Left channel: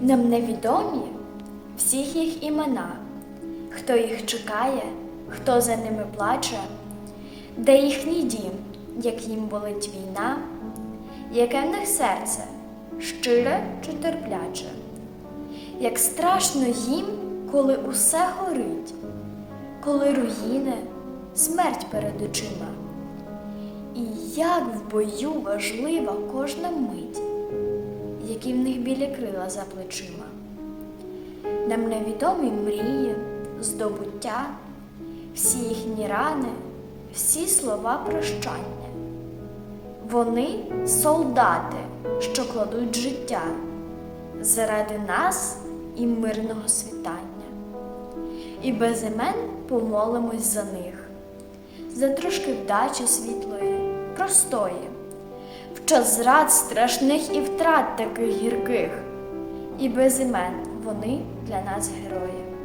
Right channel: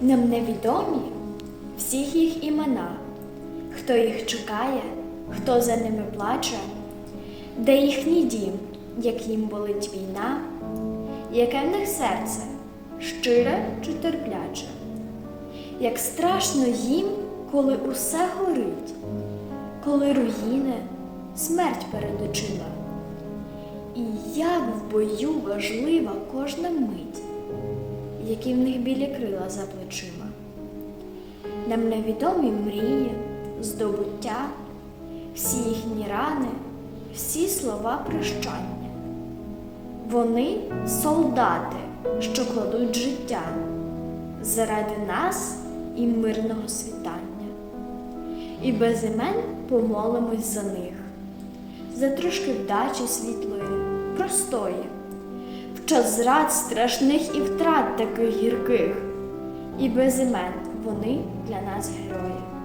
Нам невідомі всіх їх імена, хто їх чекає, хто за ними плаче, де їхній дім, як їм болить війна, яке в них серце щире чи терпляче, як страшно їм, коли усе горить, коли руїни, смерть перед очима. І як в бою важлива кожна мить які в них білі крила за плечима. Нам невідомі мрії, здобуття, всі їхні рани, всі слова прощання. Вони солдати, що кладуть життя заради нас і мирного світання. І без імен помолимось за них, за трошки вдачі світлої, простої час зрад страшних і втрат таких гірких, і без імен вони для нас герої.